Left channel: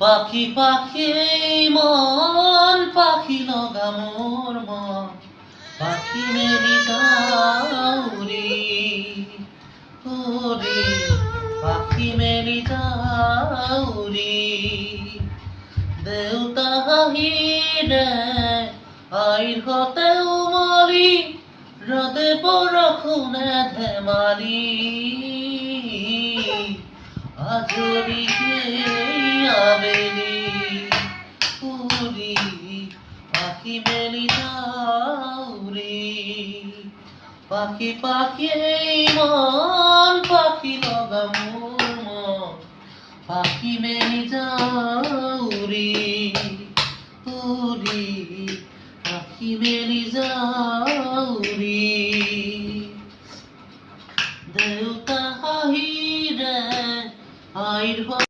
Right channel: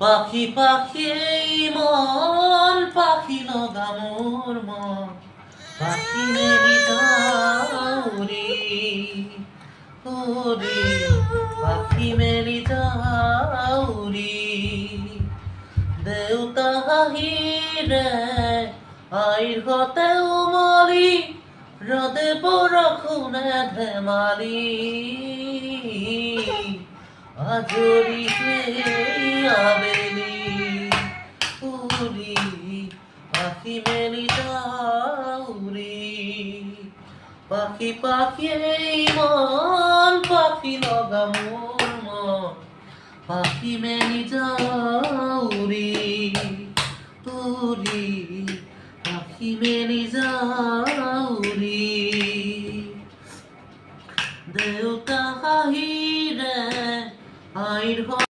পাখি পাখি এই মন পাখি লগা মোর মন পাখি মেলি যাউরি ওরে পাখি মেলি যাউরি দেউতা হাঁহিৰে আইৰ হতে উমলি ৰদে বৰষুণে ধেমালি আজৰি সেই আবেলি উৰি পাখি মেলি যাউৰি পাখি পাখি এই মন পাখি লগা মোৰ মন পাখি মেলি যাউৰি উৰি পাখি মেলি যাউৰি